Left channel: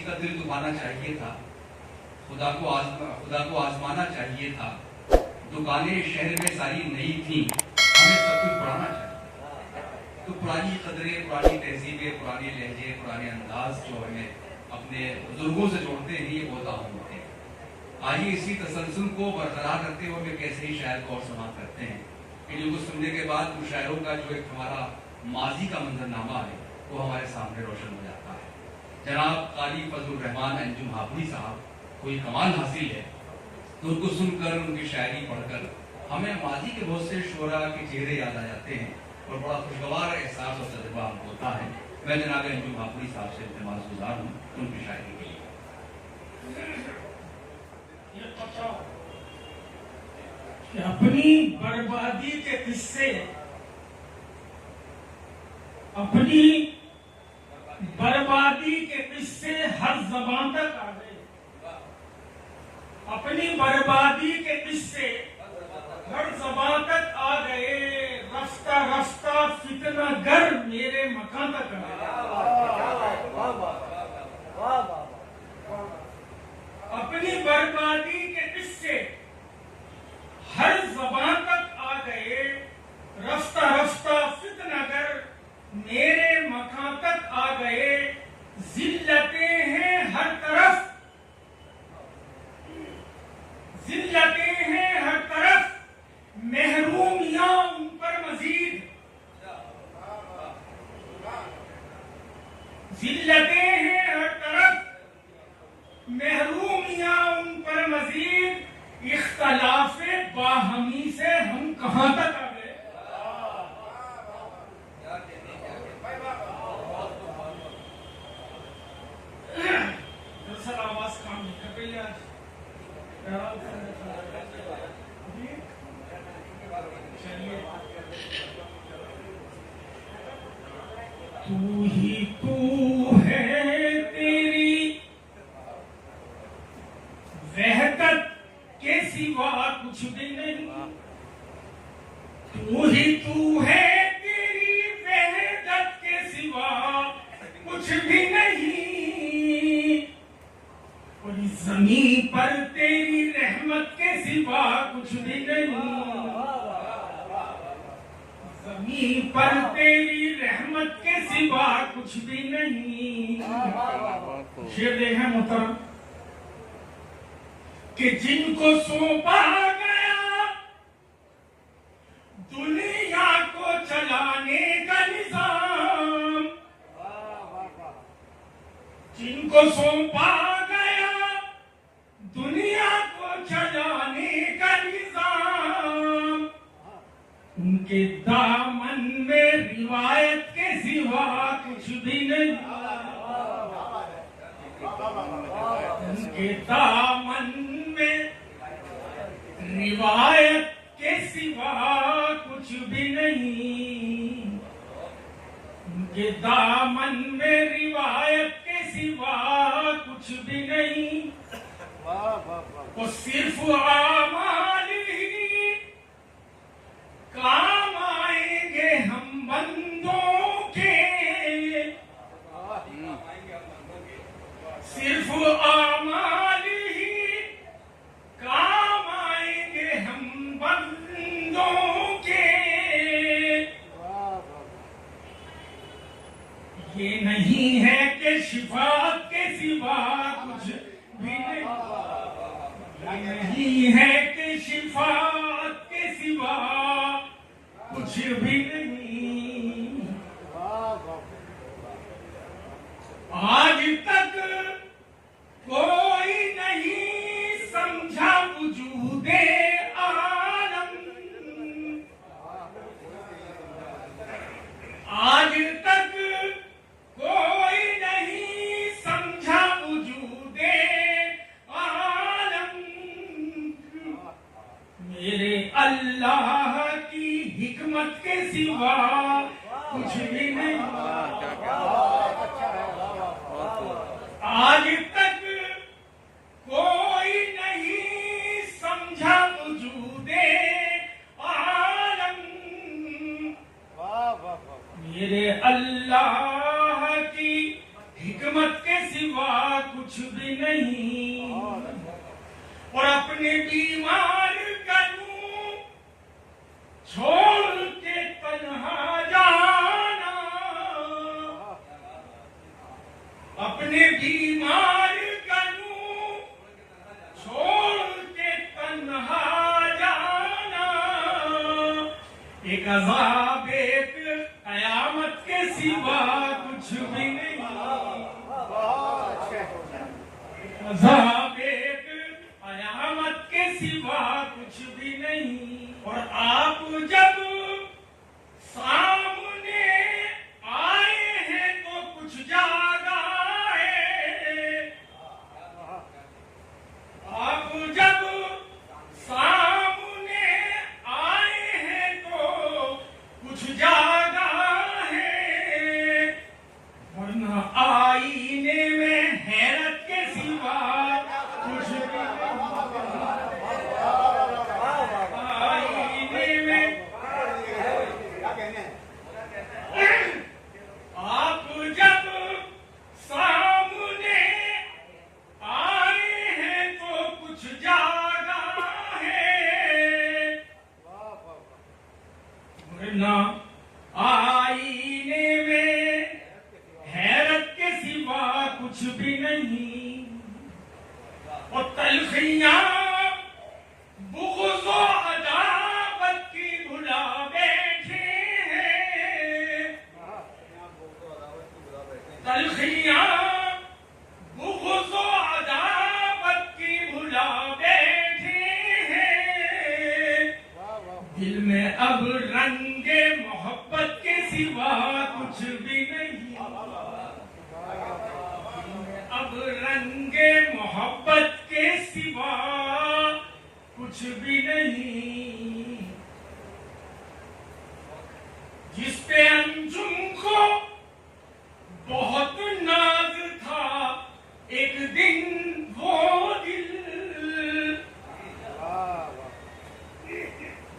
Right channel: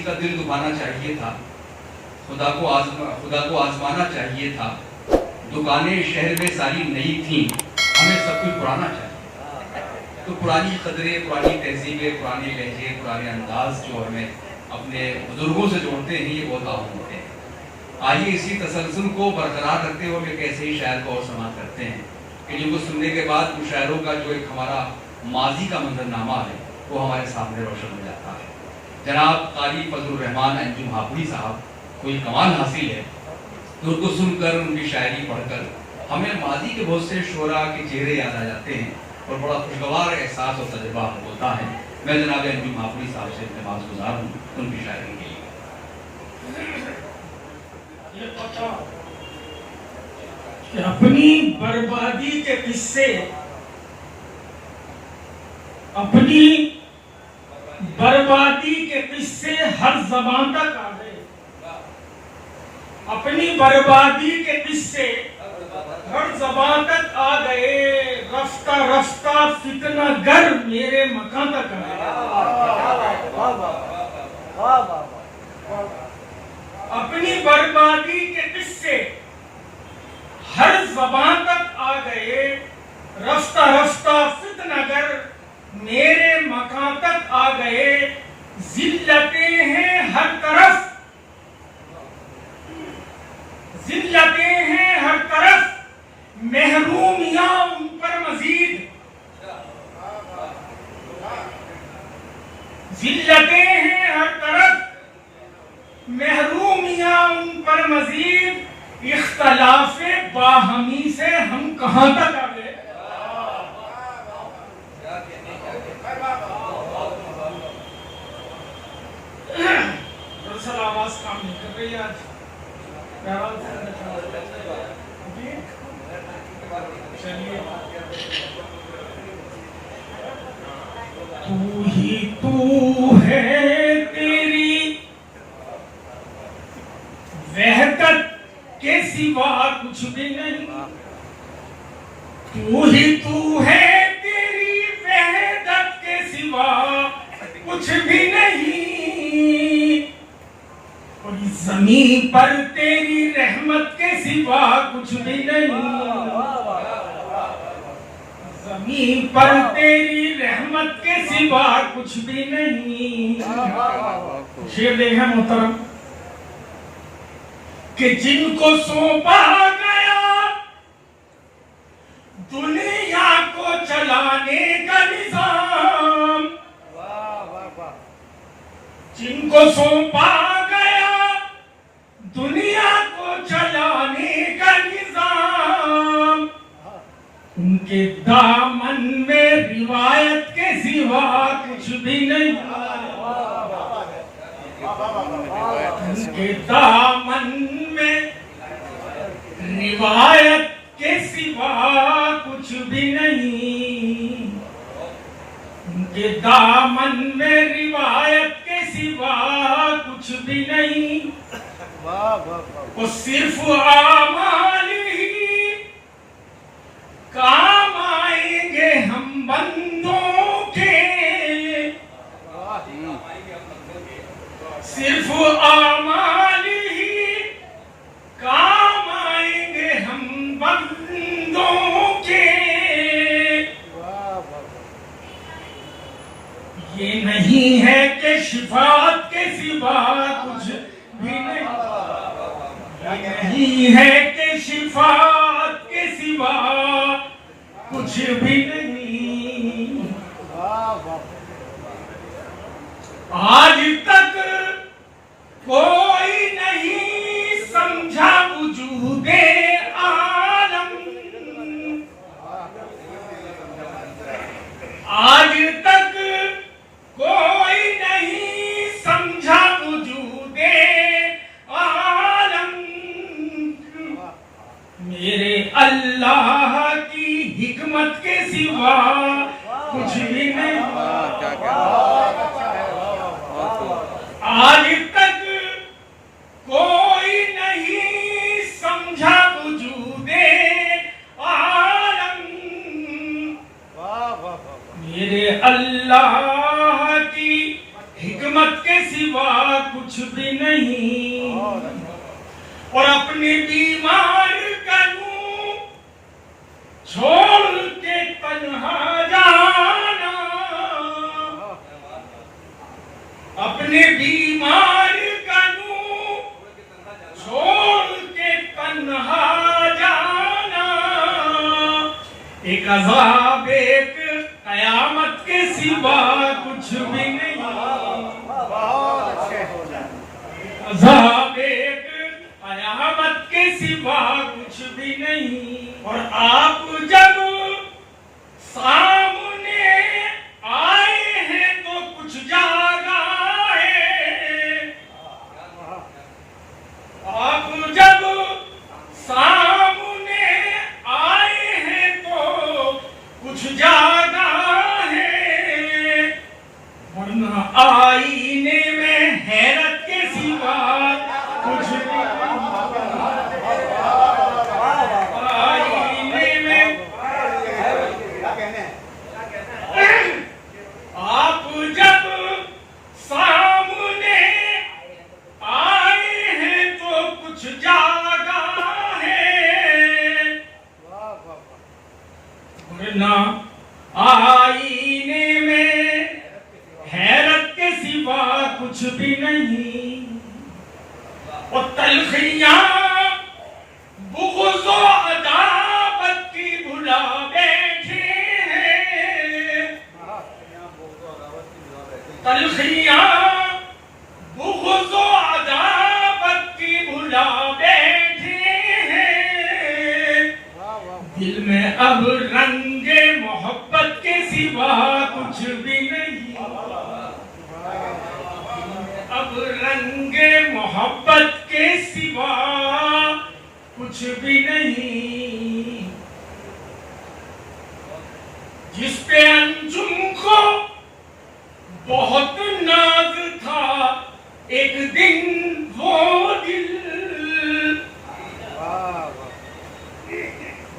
किसी का दिल दुखाना चाहिए था, खुदा को आजमाना चाहिए था। दुकानें शहर में सारी नई थीं, हमें सब कुछ पुराना चाहिए। तो पुरानी कदरें, पुरानी तहजीबें, पुराने लहजे, पुराने अंदाज जो हमें अपने बुजुर्गों से जोड़ते हैं, ये बहुत अहम होते हैं। आइए इसी तसलसल को बरकरार रखते हुए हम एक ऐसे ही शायर को और समाप्त करते हैं कि जिनको सुनने के बाद उन शायरों का जो एक हमारा माजी का मंजरनामा है वो हमारे सामने रोशन हो जाता है। जनाब क़ारी फजलुर रहमान अंजुम हापुड़ी साहब को एक कमाल हासिल है, तो उनको सुनकर, उनकी शायरी पढ़कर हमें माजी के बहुत से शोरा के चेहरे याद आ जाते हैं और बड़ा खुशगवार एहसास और तजुर्बा होता है। मैं जनाब अंजुम हापुड़ी साहब से इल्तिमास गुजार हूँ उनकी शायरी के लिए। ये पता कि अपनी बर्बादी के किस्से, अपनी बर्बादी के किस्से हर ज़बान तक आ गए। अपनी बर्बादी के किस्से हर ज़बान तक आ गए। रफ्ता रफ्ता फितना गर मेरे मकान तक आ गए। अपनी बर्बादी के किस्से हर ज़बान तक आ गए। रफ्ता रफ्ता फितनागर मेरे मकान तक आ गए। जिल्लतें हैं हर तरफ, जिल्लतें हैं हर तरफ, महरूमियां उन पर मजीद। जिल्लतें हैं हर तरफ, महरूमियां उन पर मजीद। इख्तलाफे बाहमी से हम कहां तक आ गए। दरअसल आवाज काम नहीं कर रही आज। चलिए, तू ही तू है, तेरी वहदत के सिवा कुछ भी नहीं। तू ही तू है, तेरी वहदत के सिवा कुछ भी नहीं। और इस ज़मीन पर तेरी रहमत के सिवा कुछ भी नहीं। ज़मीन पर तेरी रहमत के सिवा कुछ भी नहीं। शेर देखा मोहतरम कि जिनको सौंपा गया दुनिया को चलाने का निजाम, जिनको सौंपा गया दुनिया को चलाने का निजाम, उनके दामन में रिवायत के सिवा कुछ भी नहीं। उनके दामन में रिवायत के सिवा कुछ भी नहीं। उनके दामन में रिवायत के सिवा कुछ भी नहीं। वो सिर्फ आमाली ही काम आएंगे हम बंदों के। सिर्फ आमाली ही काम आएंगे हम बंदों के। ये नहीं है कि शिफात के सिवा कुछ भी नहीं। ये नहीं है कि शिफात के सिवा कुछ भी नहीं। आज तक कोई नहीं समझा वजूदे आलम। आज तक कोई नहीं समझा वजूदे आलम। मेरे अल्लाह की हिकमत के सिवा कुछ भी नहीं, और अपने बीमार का यूं छोड़ के तन्हा जाना, अपने बीमार का यूं छोड़ के तन्हा जाना, एक अज़ाब एक कयामत के सिवा कुछ भी नहीं, अज़ाब एक कयामत के सिवा कुछ भी नहीं। और आप जब सामने आए हैं तो कुछ जागा है, आप जब सामने आए हैं तो कुछ जागा है, वरना आईने में हैरत के सिवा कुछ भी आईने में। आप जब सामने आए हैं तो कुछ जागा है, वरना आईने में हैरत के सिवा कुछ भी नहीं। और तलखियां बुग़्ज़ और अदावत की भुला बैठे हैं, तलखियां बुग़्ज़ और अदावत की भुला बैठे हैं, दिल में अब रंगे मोहब्बत के सिवा कुछ भी नहीं, अब रंगे मोहब्बत के सिवा कुछ भी नहीं। जिस पे अंजुम को बहुत नाज था एक दिन वो दिल,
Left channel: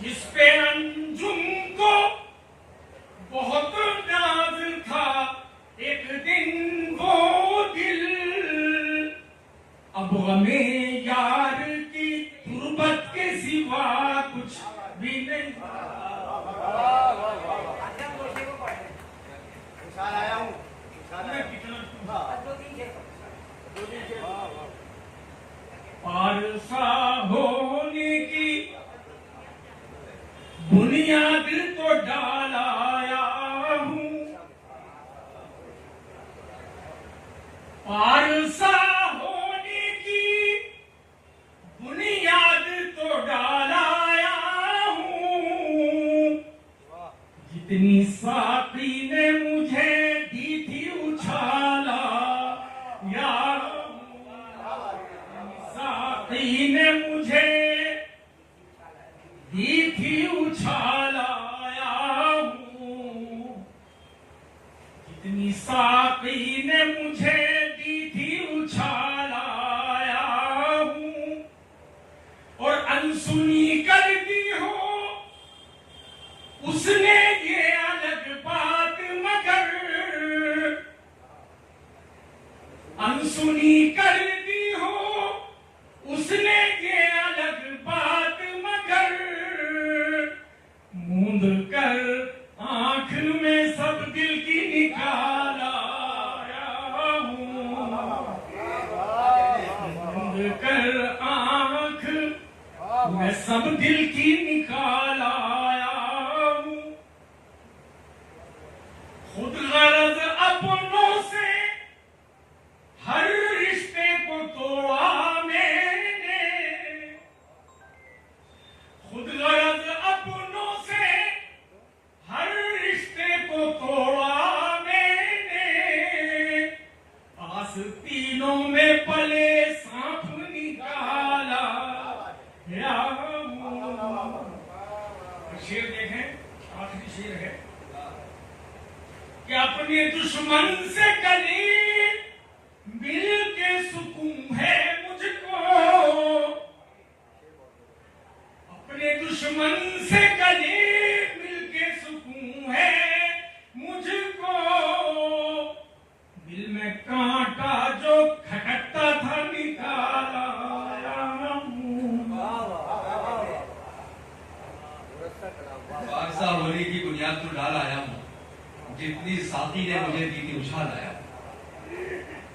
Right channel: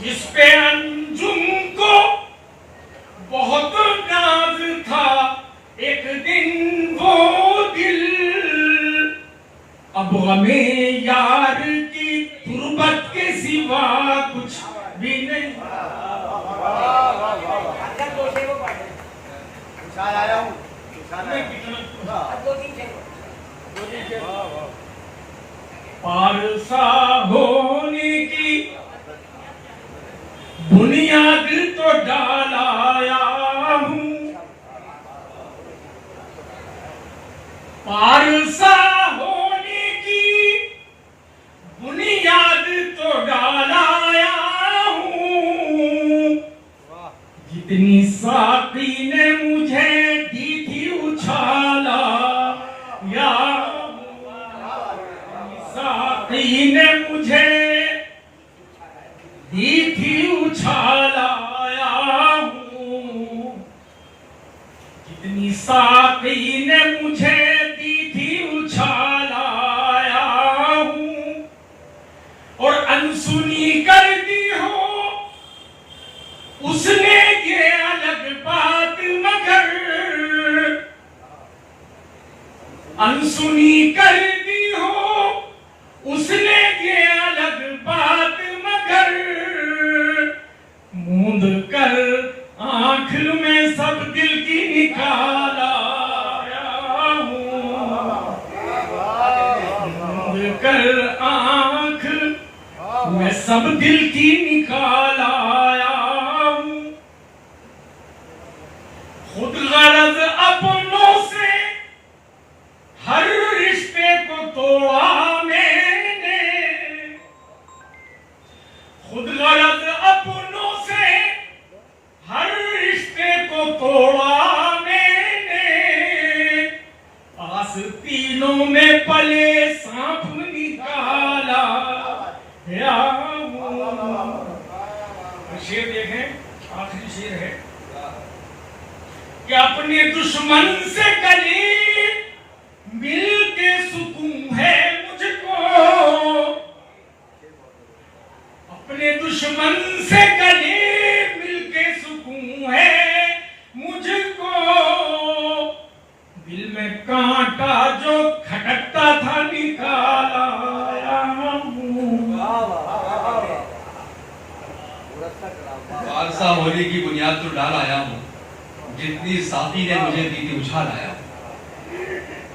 जिस पे अंजुम को बहुत नाज था एक दिन वो दिल, अब हमें यार की तुरबत के सिवा कुछ भी नहीं। पारसा होने की बुनियाद तो डालाया हूँ, पारसा होने की बुनियाद तो डालाया हूँ, जितनी साकी ने मुझे दी थी उछाला या, साकी ने मुझे दी थी उछालाया हूँ, जितनी साकी ने मुझे दी थी उछालाया हूँ, और अनसुनी कर दी हो उसने ये अलग बात, मगर अनसुनी कर दी हो उसने ये अलग बात, मगर मूंद कर आंख में सब दिल की निकाला हूँ, मूंद कर आंख में सब दिल की निकाला हूँ। खुद गरज अपनों से हर रिश्ते को तोड़ा मैंने, खुद गरज अपनों से हर रिश्ते को तोड़ा मैंने, आस्तीनों में पले सांप निकाला या। शेर देखें, आखिरी शेर है कि अपने दुश्मन से गले मिल के सुकून है मुझको, अपने दुश्मन से गले मिल के सुकून है मुझको, दिल में कांटा जो खटकता खालसा होने की बुनियाद तो डाल आया हूँ, जितनी साथी ने मुझे दी थी उछाल आया हूँ।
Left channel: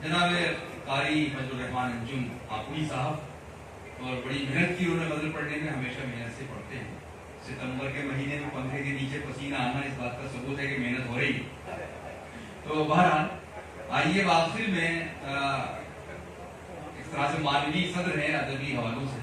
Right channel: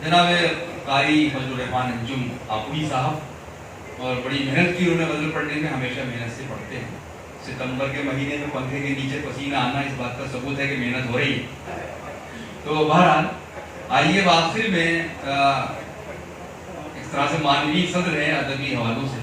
जनाब कारी फजलुर रहमान अंजुम आपुई साहब, और बड़ी मेहनत की उन्होंने गजल पढ़ने में, हमेशा मेहनत से पढ़ते हैं। सितंबर के महीने में पंखे के नीचे पसीना आना इस बात का सबूत है कि मेहनत हो रही है। तो बहरहाल आइए आखिर में इस तरह से मानवीय सदर है अदबी हवालों से।